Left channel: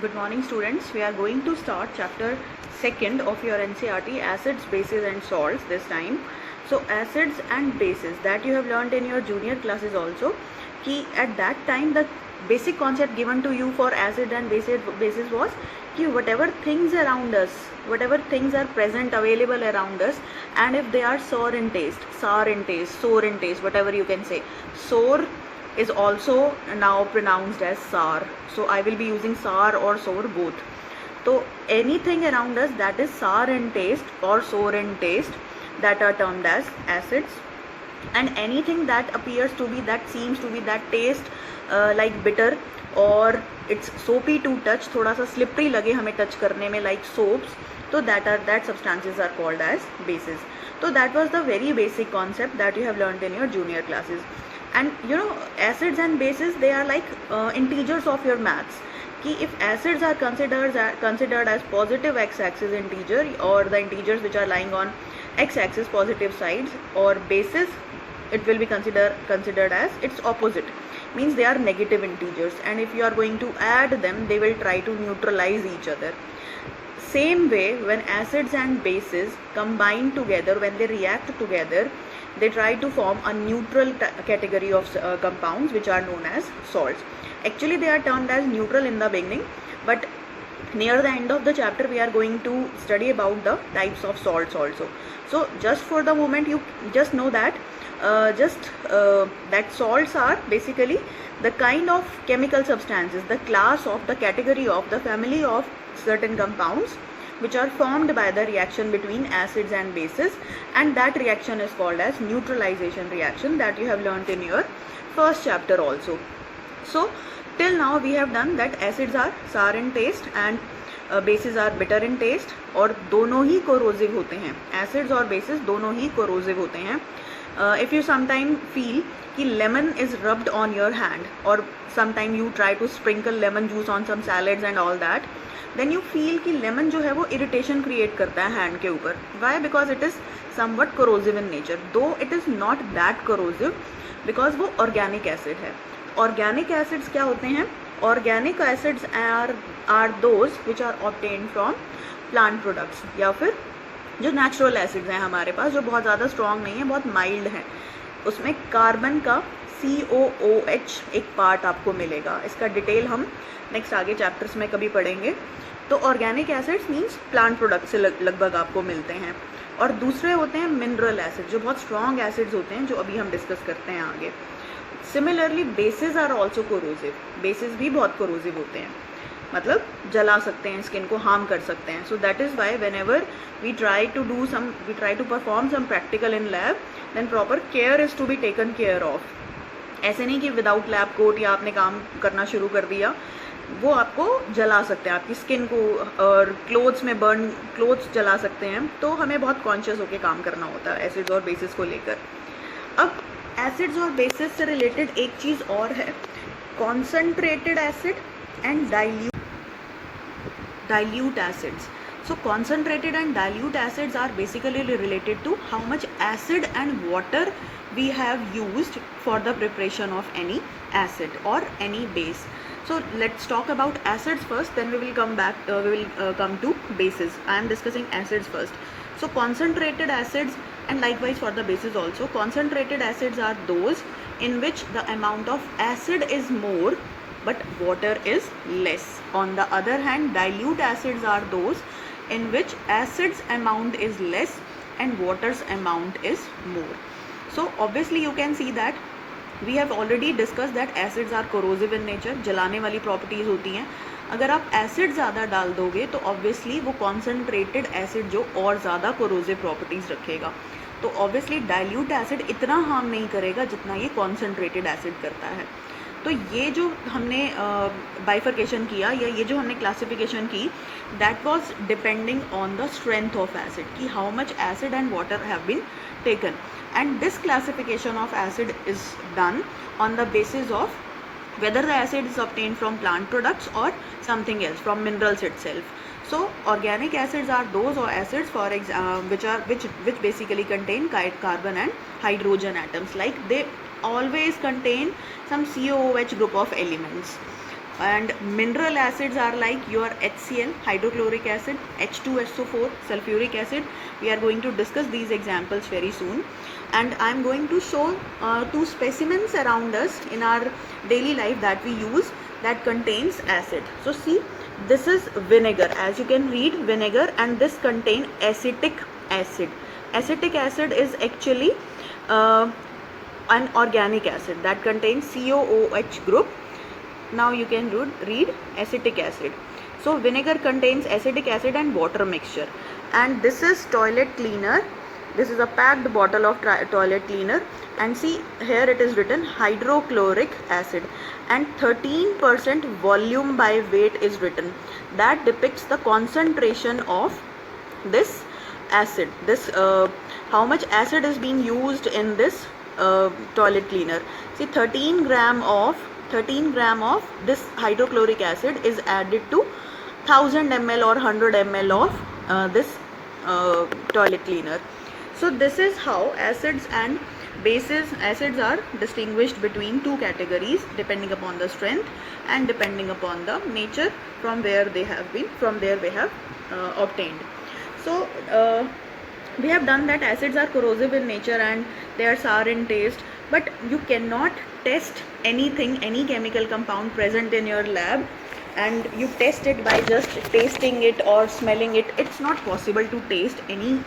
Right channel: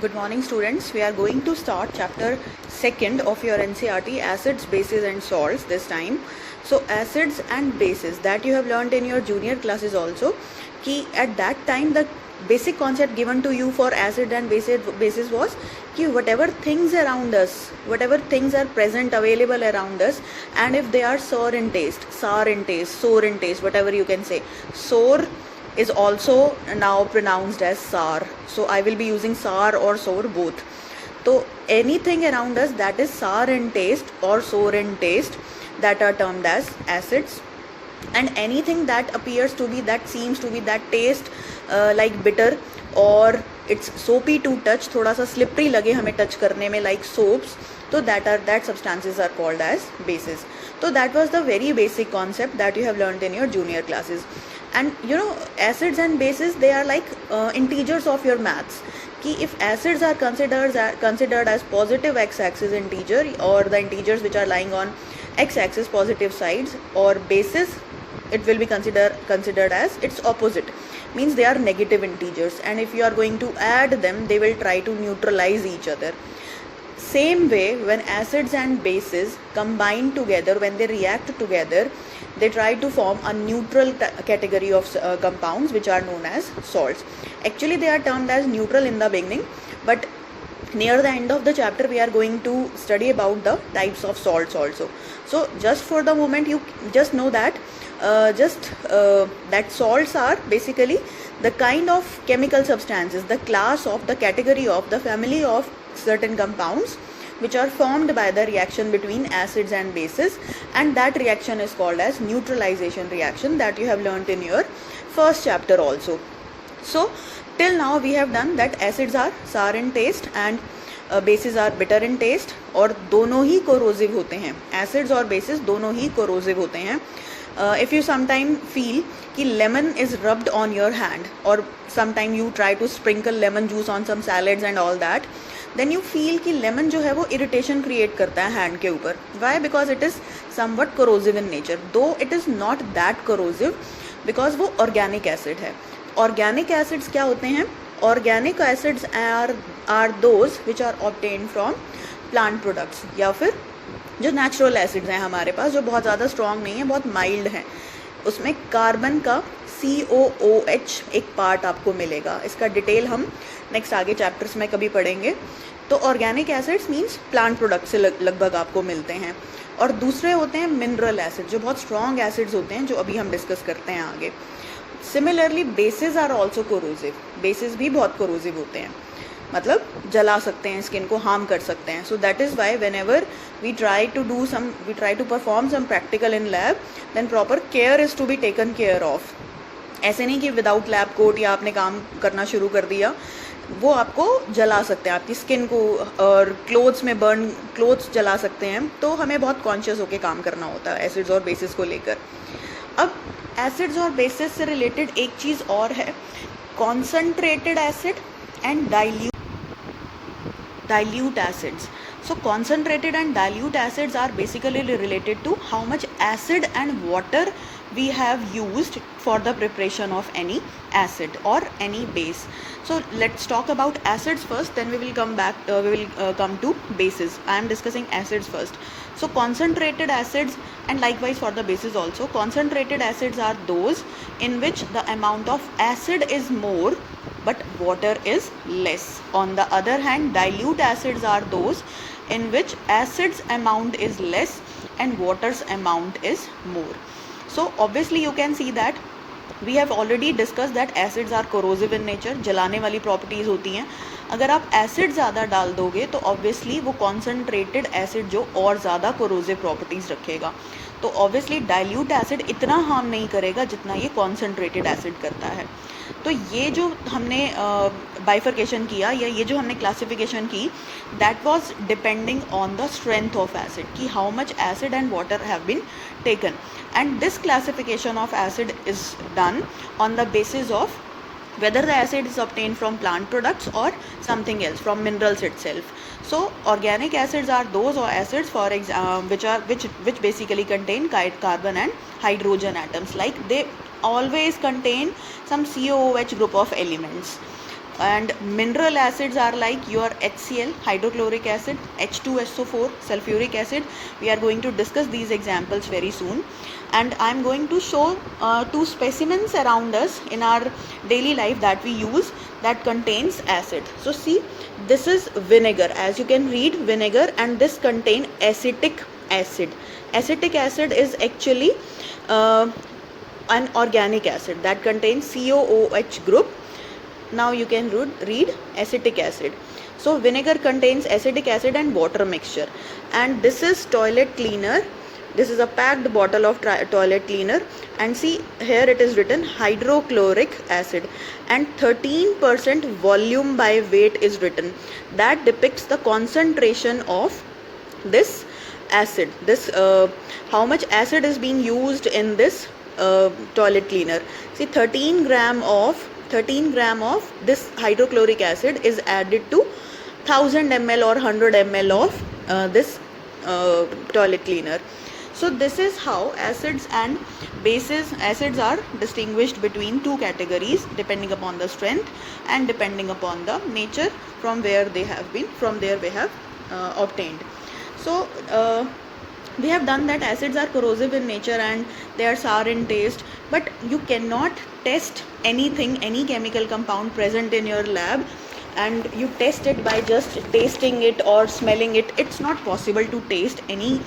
Good morning, students. We are going to start chapter 2nd of your NCERT, acids, bases and salts this time. So acids and bases that you have learned in your junior classes also, कि at that time the basic concept given to you for acid and bases was कि whatever things around us, whatever things are present available around us, and if they are sour in taste, whatever you can say, sour is also now pronounced as sour. So I will be using sour or sour both. So anything around us that is sour in taste or sour in taste, that are termed as acids, and anything that appears to be, that seems to be, that taste like bitter or it's soapy to touch, थोड़ा सा slippery लगे हमें touch करने में, like soaps, so that substances are called as bases. So that was the very basic concept that you have learned in your junior classes. And you know, acids and bases, they are like integers of your maths. कि if acids are considered as positive x-axis integer, or the integers which are lying on x-axis positive sides, or bases, it will be considered as its opposite, means they are negative integers, and if you are going to add them, they will try to neutralize each other. Same way, when acids and bases combine together, when they react together, they try to form a neutral category of compounds which are known as salts. Actually, they are termed as neutral in the beginning, but near the end of the chapter we are going to study about the types of salts also. So just for the moment, you just know that that salts are basically the kind of chemical substances, the class of, the category of, the family of certain compounds which are formed by the reaction between acids and bases, and that reaction is called as neutralization reaction, that you have learnt in your first chapter also. So till now we have done that acids are sour in taste and bases are bitter in taste, और दोनों ही corrosive होते हैं, acids और bases दोनों ही corrosive होते हैं. If you sometime feel कि lemon is rubbed on your hand, or sometime you try to sprinkle lemon juice on some salads and all that, then you feel कि lemon जो है वो irritation create करता है hand के ऊपर. Why? Because it is somewhat corrosive in nature, though it is not that corrosive, because वो organic acid है. Organic acids क्या होते हैं? Organic acids are those which are obtained from plant products, या फिर जो नेचुरल एसिड्स हैं हमारे पास, जो बहुत ज़्यादा स्ट्रॉन्ग नहीं है, बहुत माइल्ड हैं, उसमें कार्बन का COOH एक पार्ट आपको मिलेगा. इसका डिटेल हम नेक्स्ट आगे चैप्टर्स में कभी पढ़ेंगे. तो organic acids means plant product से लगभग आपको मिलते हैं. और दूसरे होते हैं मिनरल एसिड, जो बहुत स्ट्रॉन्ग एसिड्स होते हैं, जो अभी हम डिस्कस करते हैं आगे. Similarly bases are also corrosive, bases भी बहुत कोरोसिव होते हैं, मतलब जला सकते हैं, स्किन को हार्म कर सकते हैं. So that is why whenever we try to perform some practical in lab, then proper care is to be taken care of. ऐसे नहीं कि विदाउट लैब कोट या आपने काम करना शुरू कर दिया, वो आपको जला सकते हैं, आपकी स्किन को और क्लोथ्स में क्लोथ्स जला सकते हैं. तो हमें बहुत कॉन्शियस होकर काम करना होता है एसिड्स और बेसिस को लेकर. अब एसिड्स और बेसिस से रिलेटेड एक चीज़ और है, concentrated acid and dilute acids. So concentrated and dilute acids are basically related to how much acid and water we have used for the preparation of any acid or any base. So let's talk about acids first, then we will come to bases. I am discussing acids first. So concentrated acids, and likewise for the bases also, concentrated acids are those in which the amount of acid is more but water is less. On the other hand, dilute acids are those in which acid's amount is less and water's amount is more. So obviously you can see that we have already discussed that acids are corrosive in nature, जलाने वाली properties होती हैं. अगर आप acid ज़्यादा डाल दोगे तो obviously वो concentrated acid जो और ज़्यादा corrosive properties रखेगा. तो obviously dilute acid इतना harm नहीं करेगा जितना ये concentrated acid करता है. तो ये जो हमने बाइफर्केशन किया, या ये जो हमने क्लासिफिकेशन की, that was depending on the strength of acid, कि how much acid and water have been taken. And this classification of acid is done on the basis of whether the acid is obtained from plant products or something else, from minerals itself. So organic acids are those acids which basically contain carbon and hydrogen atoms, like they always contain some COOH group of elements. And mineral acids are like your HCl, hydrochloric acid, H2SO4, sulfuric acid. We are going to discuss these examples very soon. And I am going to show two specimens around us in our daily life that we use that contains acid. So see, this is vinegar. As you can read, vinegar, and this contain acetic acid. Acetic acid is actually an organic acid that contains COOH group. Now you can read acetic acid. So vinegar contains acetic acid and water mixture. And this is toilet cleaner. This is a packed bottle of toilet cleaner, and see here it is written hydrochloric acid, and 13% volume by weight is written. That depicts the concentration of this acid. This how much acid is being used in this toilet cleaner. See, 13 gram of this hydrochloric acid is added to 1000 ml or 100 ml of this toilet cleaner. So this is how acids and bases, acids are distinguished between two categories depending upon the strength and depending upon the nature from where they have obtained. So we have done that acids are corrosive in nature and they are sour in taste, but you cannot test anything, any chemical compound present in your lab, and you test it by just tasting it or smelling it. It's not possible to taste any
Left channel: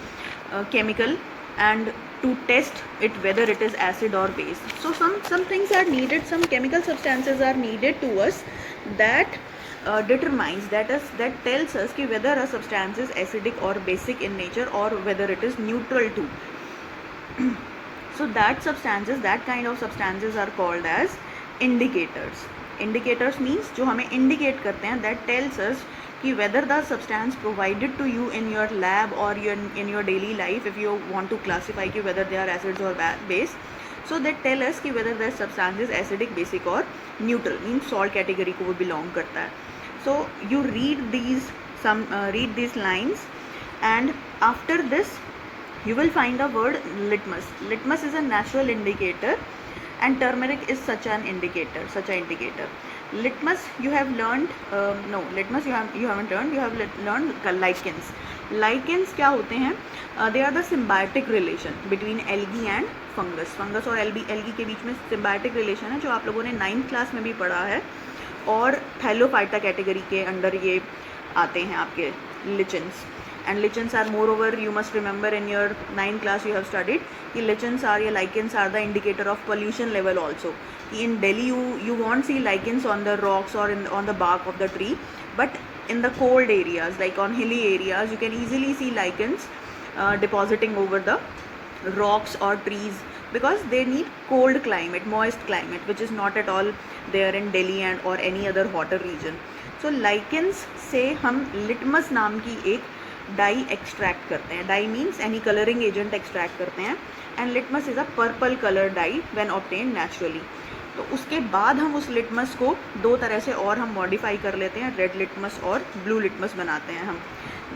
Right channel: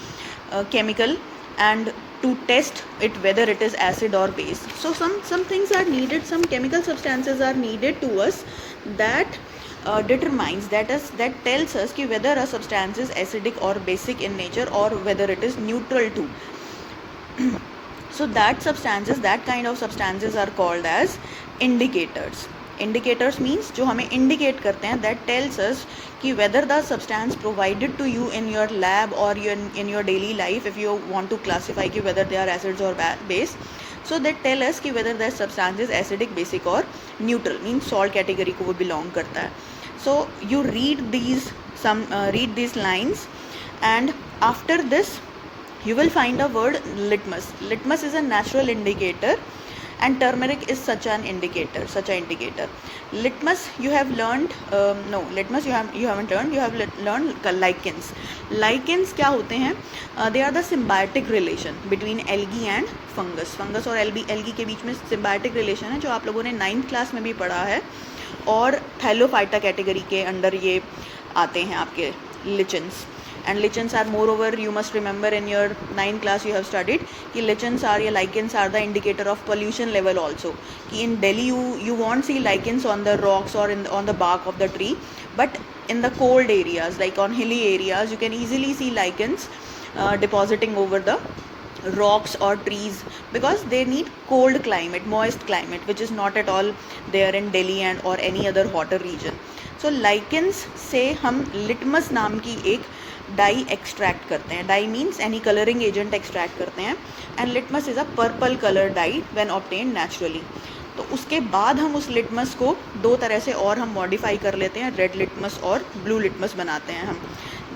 chemical and to test it whether it is acid or base. So some things are needed, some chemical substances are needed to us that determines, that tells us ki whether a substance is acidic or basic in nature or whether it is neutral too. So that kind of substances are called as indicators. Indicators means जो हमें indicate करते हैं, that tells us कि whether the substance provided to you in your lab or in your daily life, if you want to classify कि whether they are acids or base, so they tell us कि whether the substance is acidic, basic or neutral, means salt category को वो belong करता है. So you read these lines, and after this you will find a word litmus. Litmus is a natural indicator and turmeric is such an indicator. Litmus you have learned, litmus you haven't learned. You have learned lichens. Lichens क्या होते हैं? They are the symbiotic relation between algae and fungus. Fungus और algae के बीच में symbiotic relation है, जो आप लोगों ने 9th क्लास में भी पढ़ा है, और थैलोफाइटा कैटेगरी के अंडर ये आते हैं आपके lichens. And lichens are, moreover, you must remember in your 9th class you have studied कि lichens are, या lichens are the indicator of pollution level also. कि in Delhi you won't see lichens on the rocks or on the bark of the tree, but in the cold areas like on hilly areas you can easily see lichens depositing over the rocks or trees, because they need cold climate, moist climate, which is not at all there in Delhi and or any other hotter region. So lichens से हम litmus नाम की एक die extract करते हैं. Dye means any colouring agent extract करते हैं, and litmus is a purple colour dye when obtained naturally. तो उसके बाद हम उस लिटमस को दो तरह से और हम मॉडिफाई कर लेते हैं, रेड लिटमस और ब्लू लिटमस बनाते हैं हम.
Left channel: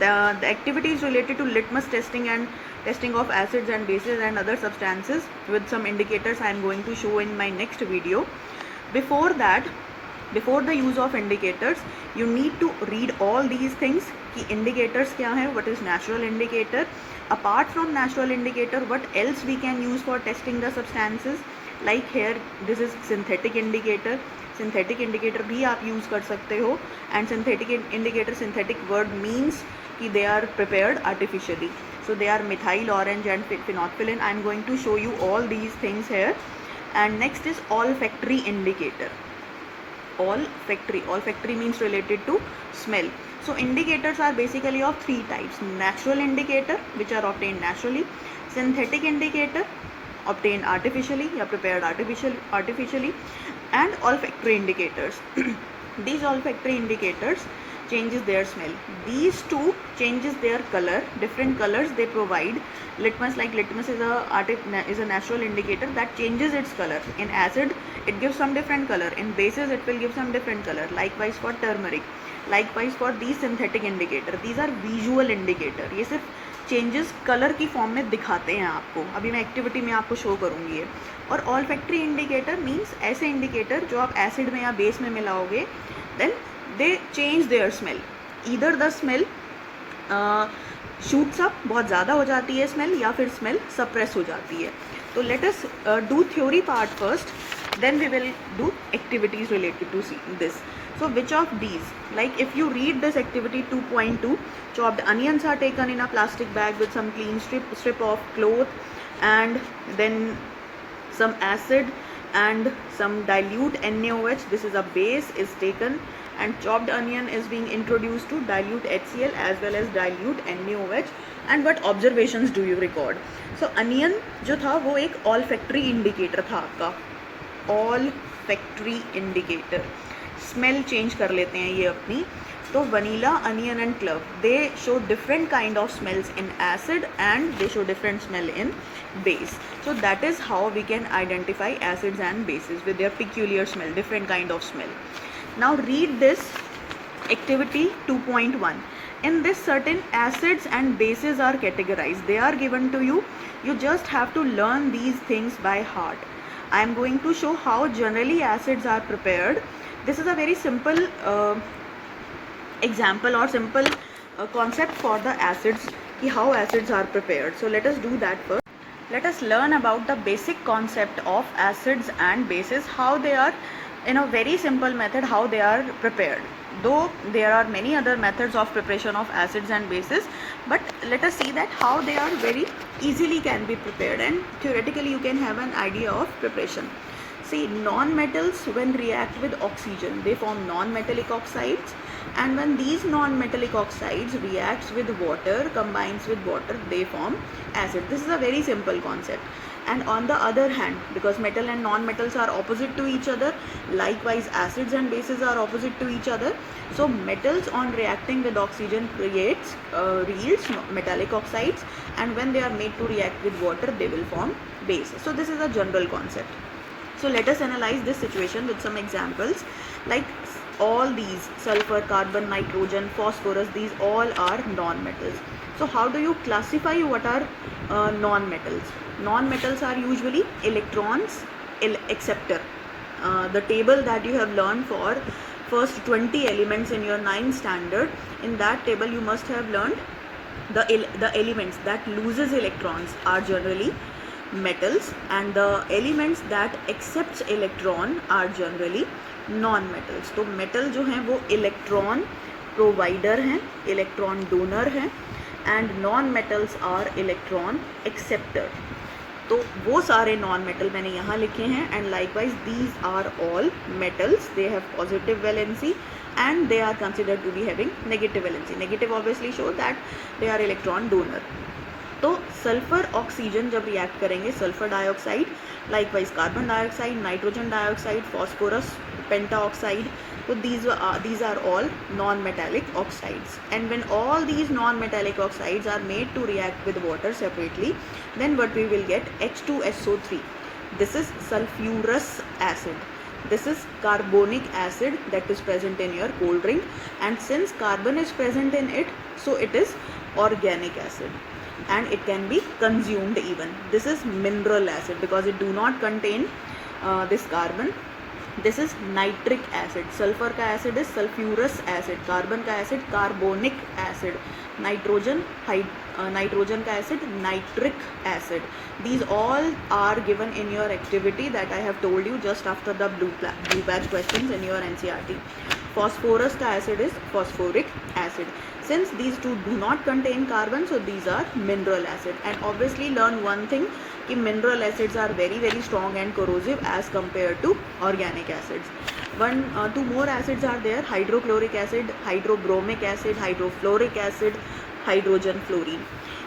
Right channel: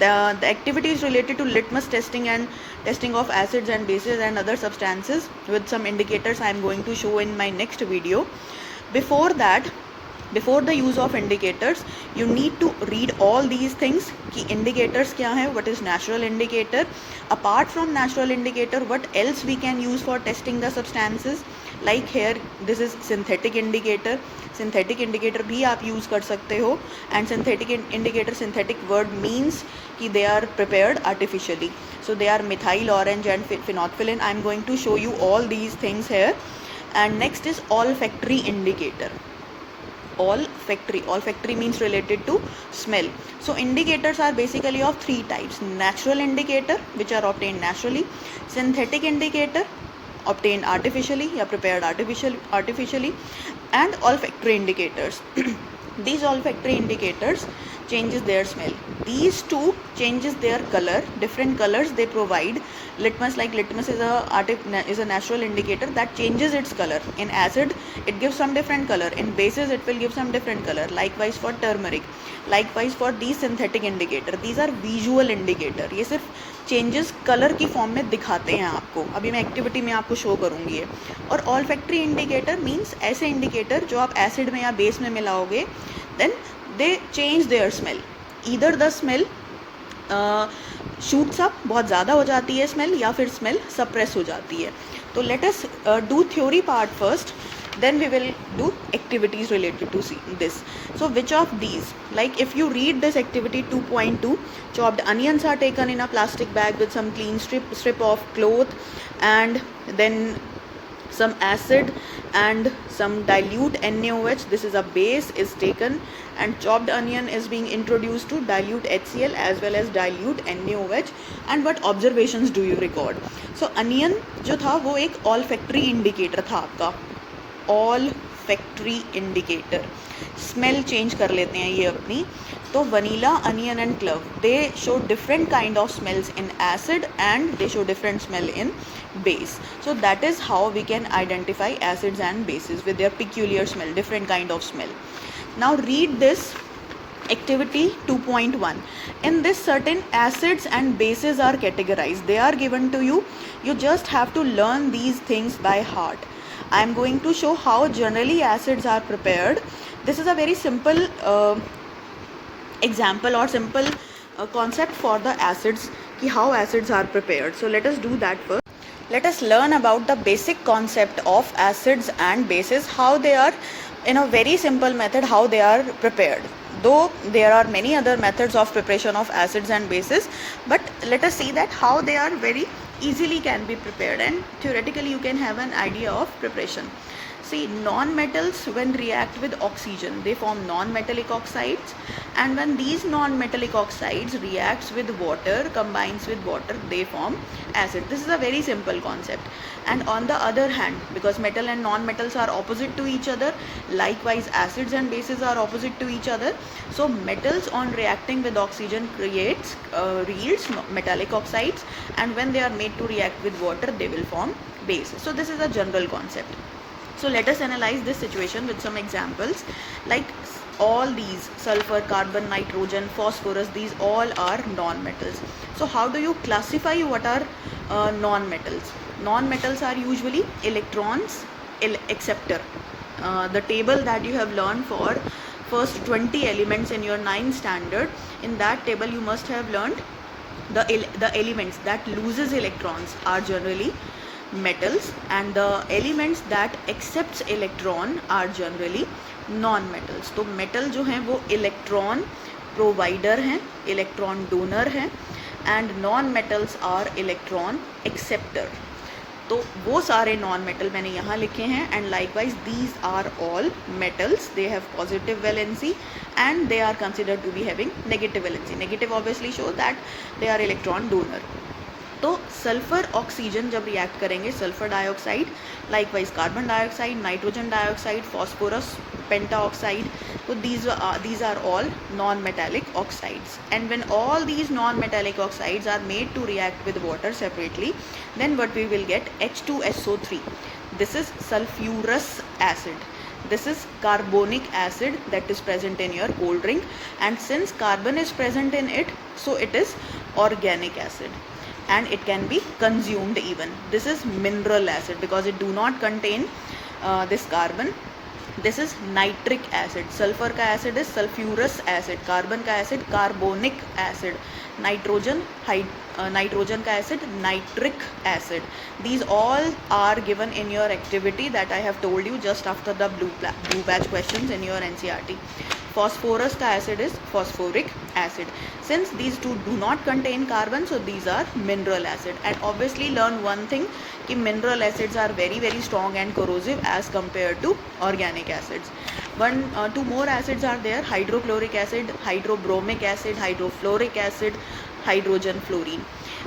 The activities related to litmus testing and testing of acids and bases and other substances with some indicators I am going to show in my next video. Before the use of indicators, you need to read all these things कि indicators क्या है, what is natural indicator, apart from natural indicator what else we can use for testing the substances, like here this is synthetic indicator. Synthetic indicator भी आप use कर सकते हो, and synthetic indicator, synthetic word means कि they are prepared artificially, so they are methyl orange and phenolphthalein. I am going to show you all these things here. And next is olfactory indicator. Olfactory means related to smell. So indicators are basically of three types: natural indicator, which are obtained naturally; synthetic indicator, obtained artificially या prepared artificially; and olfactory indicators. These olfactory indicators changes their smell. These two changes their color, different colors they provide. Litmus is a natural indicator that changes its color. In acid it gives some different color, in bases it will give some different color. Likewise for turmeric, likewise for these synthetic indicator. These are visual indicator. ये सिर्फ changes colour की form में दिखाते हैं आपको. अभी मैं activity में आपको शो करूँगी और ऑल्फैक्टरी इंडिकेटर मीन्स ऐसे इंडिकेटर जो आप एसिड में या बेस में मिलाओगे, then they change their smell. Either the smell shoots up, बहुत ज़्यादा हो जाती है स्मेल, या फिर स्मेल सप्रेस हो जाती है. तो let us do theory part first, then we will do activities related to this. So which of these, like if you read this activity 2.2, chopped onions are taken in a plastic bag with some clean strip of cloth, and then some acid and some dilute NaOH, this is a base, is taken, and chopped onion is being introduced to dilute HCl as well as dilute NaOH. And what observations do you record? So onion जो था वो एक olfactory indicator था आपका, olfactory indicator. Smell change कर लेते हैं ये अपनी. तो vanilla, onion and club, they show different kind of smells in acid and they show different smell in base. So that is how we can identify acids and bases with their peculiar smell, different kind of smell. Now read this activity 2.1. In this, certain acids and bases are categorized. They are given to you. You just have to learn these things by heart. I am going to show how generally acids are prepared. This is a very simple example or simple concept for the acids, ki how acids are prepared. So let us do that first. Let us learn about the basic concept of acids and bases, how they are, in a very simple method, how they are prepared. Though there are many other methods of preparation of acids and bases, but let us see that how they are very easily can be prepared, and theoretically you can have an idea of preparation. See, non-metals when react with oxygen, they form non-metallic oxides, and when these non-metallic oxides reacts with water, combines with water, they form acid. This is a very simple concept. And on the other hand, because metal and non-metals are opposite to each other, likewise acids and bases are opposite to each other. So metals on reacting with oxygen creates yields metallic oxides, and when they are made to react with water, they will form bases. So this is a general concept. So let us analyze this situation with some examples. Like all these, sulfur, carbon, nitrogen, phosphorus, these all are non-metals. So how do you classify what are non-metals? Non-metals are usually electrons acceptor. The table that you have learned for first 20 elements in your 9th standard, in that table you must have learned the elements that loses electrons are generally metals, and the elements that accepts electron are generally non-metals. तो metal जो हैं वो electron provider हैं, electron donor हैं, and non-metals are electron acceptor. तो वो सारे non-metal मैंने यहाँ लिखे हैं, and likewise these are all metals. They have positive valency and they are considered to be having negative valency. Negative obviously show that they are electron donor. तो sulphur oxygen जब react करेंगे, sulphur dioxide, likewise carbon dioxide, nitrogen dioxide, phosphorus pentoxide, तो these are all non-metallic oxides. And when all these non-metallic oxides are made to react with water separately, then what we will get? H2SO3. This is sulfurous acid. This is carbonic acid that is present in your cold drink, and since carbon is present in it, so it is organic acid, and it can be consumed even. This is mineral acid because it do not contain this carbon. This is nitric acid. Sulfur का acid is sulfurous acid, carbon का acid carbonic acid, nitrogen का acid nitric acid. These all are given in your activity that I have told you just after the blue batch questions in your NCERT. Phosphorus का acid is phosphoric acid. Since these two do not contain carbon, so these are mineral acid. And obviously learn one thing, कि mineral acids are very very strong and corrosive as compared to organic acids. Two more acids are there: hydrochloric acid, hydrobromic acid, hydrofluoric acid, hydrogen fluorine.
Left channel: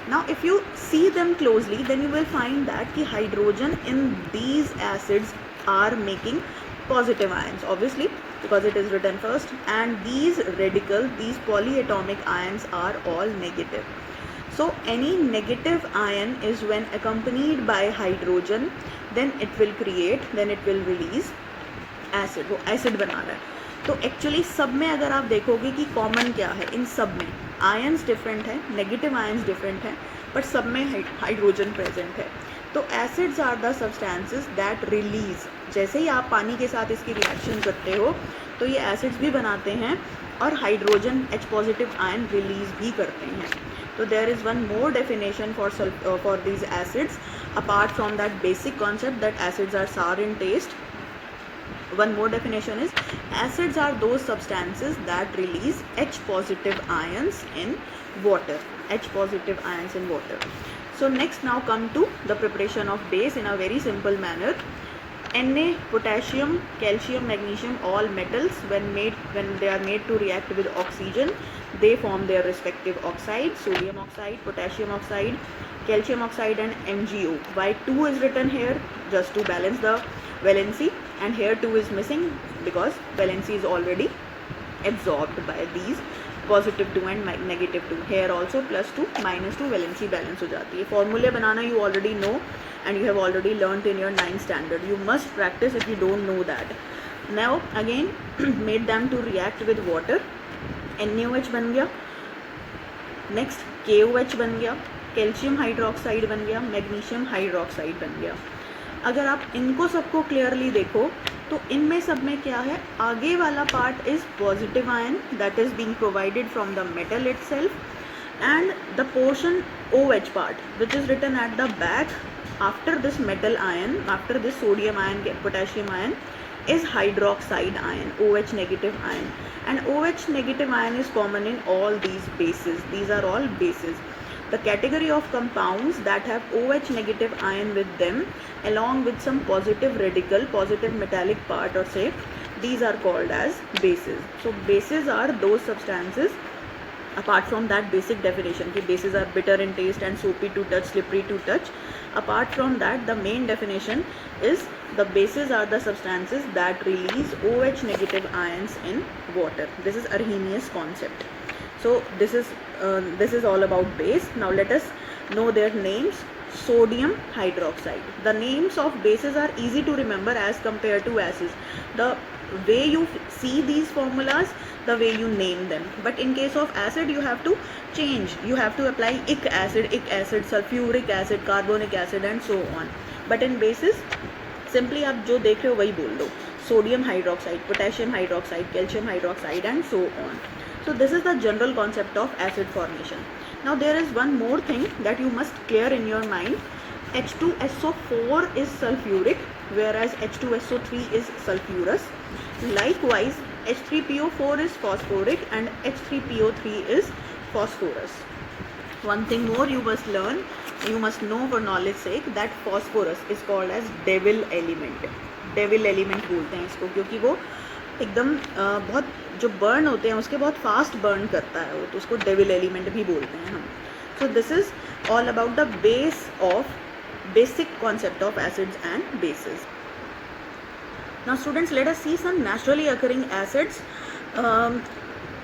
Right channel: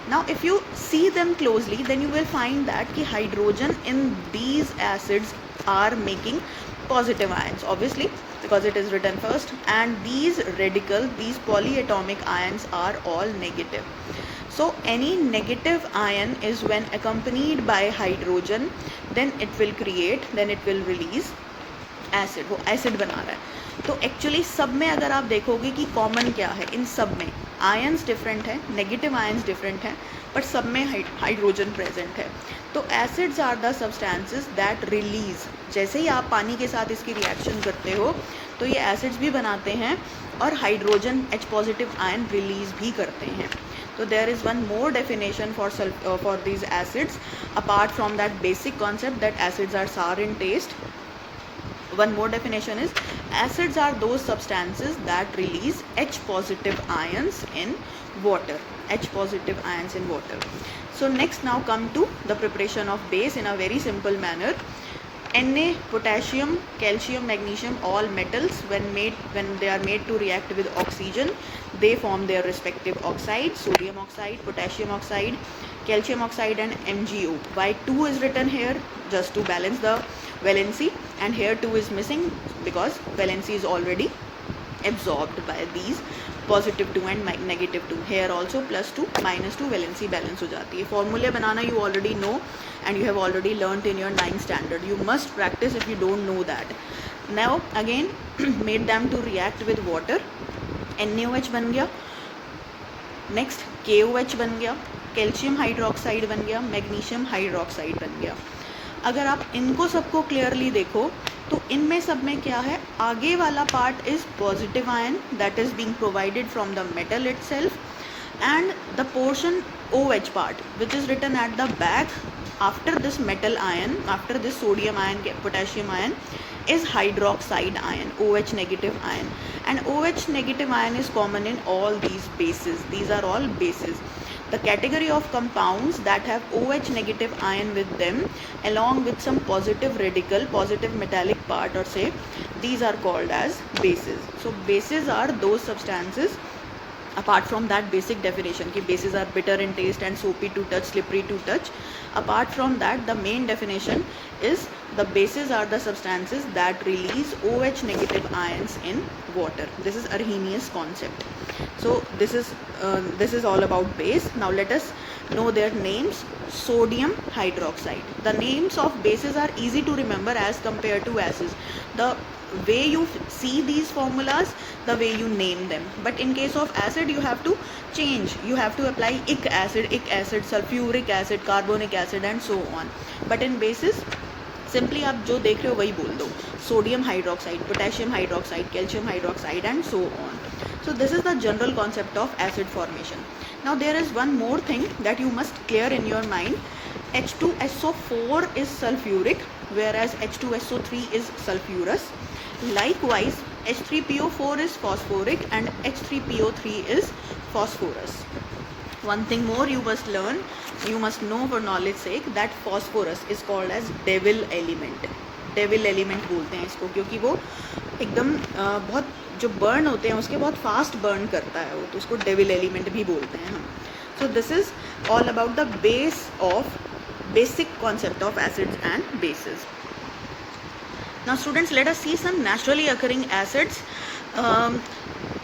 Now if you see them closely, then you will find that ki hydrogen in these acids are making positive ions, obviously because it is written first, and these radicals, these polyatomic ions are all negative. So any negative ion is when accompanied by hydrogen, then it will release acid. वो acid बना रहा है. तो actually सब में अगर आप देखोगे कि common क्या है, इन सब में ions different है, negative ions different है, but सब में hydrogen present है. तो acids are the substances that release. जैसे ही आप पानी के साथ इसकी reaction करते हो, तो ये एसिड्स भी बनाते हैं और hydrogen H positive ion release भी करते हैं. So there is one more definition for these acids apart from that basic concept that acids are sour in taste. One more definition is acids are those substances that release H positive ions in water. H positive ions in water. So next now come to the preparation of base in a very simple manner. Na, potassium, calcium, magnesium, all metals when they are made to react with oxygen, they form their respective oxides: sodium oxide, potassium oxide, calcium oxide and MgO. Why 2 is written here? Just to balance the valency, and here 2 is missing because valency is already absorbed by these positive 2 and negative 2. Here also plus 2 minus 2 valency balance हो जाती है. Formula banana you already know and you have already learnt in your 9th standard. You must practice if you don't know that. Now again made them to react with water. NaOH बन गया, next KOH बन गया, calcium hydroxide बन गया, magnesium hydroxide बन गया. अगर आप इनको सबको क्लियरली देखो तो इनमें सब में क्या है, आगे वाला part is positive ion that is being provided from the metal itself, and the portion OH part which is written at the back after this metal ion, after this sodium ion, potassium ion, is hydroxide ion, OH negative ion, and OH negative ion is common in all these bases. These are all bases. The category of compounds that have OH negative ion with them along with some positive radical, positive metallic part or say, these are called as bases. So bases are those substances, apart from that basic definition ki bases are bitter in taste and soapy to touch, slippery to touch, apart from that the main definition is the bases are the substances that release OH negative ions in water. This is Arrhenius concept. So this is all about base. Now let us know their names. Sodium hydroxide. The names of bases are easy to remember as compared to acids. The way you see these formulas, the way you name them. But in case of acid you have to change. You have to apply ic acid, sulfuric acid, carbonic acid and so on. But in bases simply आप जो देख रहे हो वही बोल दो. Sodium hydroxide, potassium hydroxide, calcium hydroxide and so on. So this is the general concept of acid formation. Now there is one more thing that you must clear in your mind. H2SO4 is sulfuric whereas H2SO3 is sulfurous. Likewise H3PO4 is phosphoric and H3PO3 is phosphorus. One thing more you must learn, you must know for knowledge sake that phosphorus is called as devil element. Devil element बोलते हैं इसको क्योंकि वो एकदम बहुत जो burn होते हैं उसके बहुत फास्ट बर्न करता है वो, तो उसको डेविल एलिमेंट भी बोलते हैं हम. So this is all about the base of basic concept of acids and bases. Now students let us see some naturally occurring acids.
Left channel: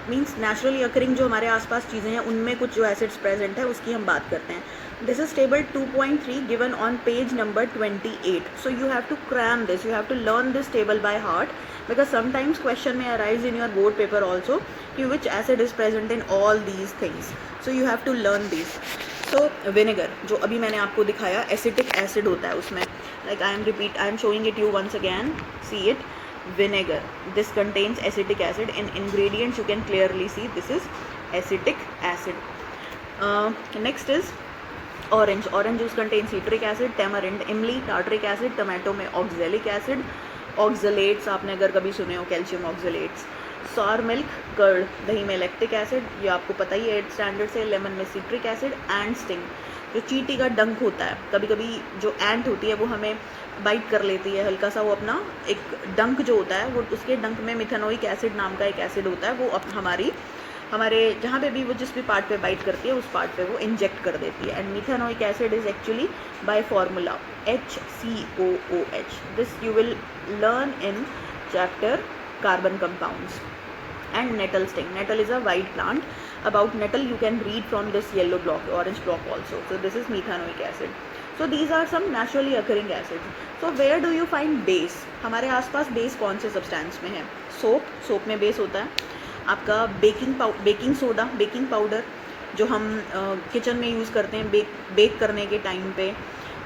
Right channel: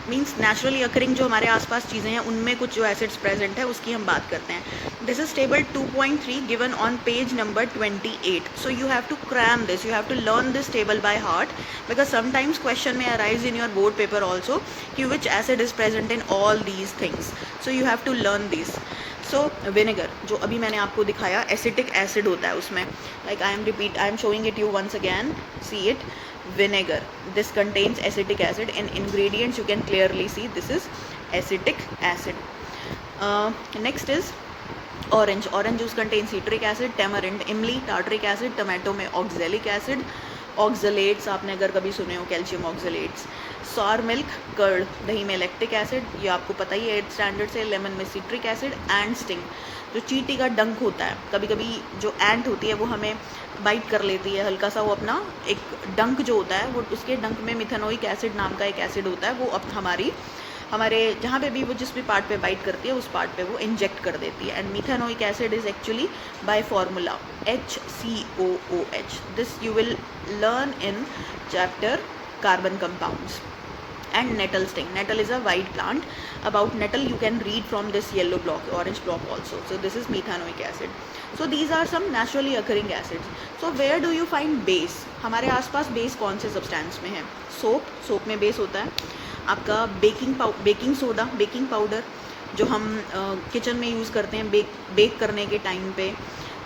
Means naturally occurring जो हमारे आसपास चीज़ें हैं उनमें कुछ जो एसिड्स प्रेजेंट है उसकी हम बात करते हैं. This is table 2.3 given on page number 28. So you have to cram this, you have to learn this table by heart because sometimes question may arise in your board paper also कि which acid is present in all these things. So you have to learn these. So vinegar जो अभी मैंने आपको दिखाया acetic acid होता है उसमें, like I am showing it you once again, see it. Vinegar, this contains acetic acid. In ingredients you can clearly see this is acetic acid. Next is orange. Orange juice contains citric acid, tamarind, imli, tartaric acid, tomato में oxalic acid. Oxalates आपने अगर कभी सुने हो, calcium oxalates. Sour milk, curd, दही में lactic acid, ये आपको पता ही है 8th स्टैंडर्ड से. लेमन में सिट्रिक एसिड. एंड स्टिंग, जो चींटी का डंक होता है, कभी कभी जो एंट होती है वो हमें बाइट कर लेती है हल्का सा, वो अपना एक डंक जो होता है वो उसके डंक में मिथेनोइक एसिड नाम का एक एसिड होता है, वो हमारे जहाँ पे भी वो जिस भी पार्ट पे बाइट करती है उस पार्ट पे वो इंजेक्ट कर देती है. And methanoic acid is actually by formula HCOOH. This you will learn in chapter carbon compounds. And nettle sting. Nettle is a white plant. About nettle you can read from this yellow block, orange block also. So this is methanoic acid. So these are some naturally occurring acids. So where do you find base? हमारे आसपास base कौन से substance में है? Soap में base होता है. आपका बेकिंग सोडा, बेकिंग पाउडर जो हम किचन में यूज़ करते हैं बेक करने के टाइम पे.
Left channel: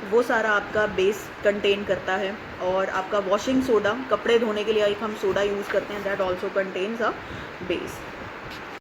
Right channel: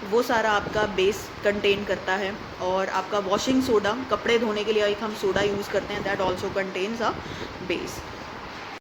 वो सारा आपका बेस कंटेन करता है। और आपका वॉशिंग सोडा, कपड़े धोने के लिए एक हम सोडा यूज़ करते हैं, that also contains a base.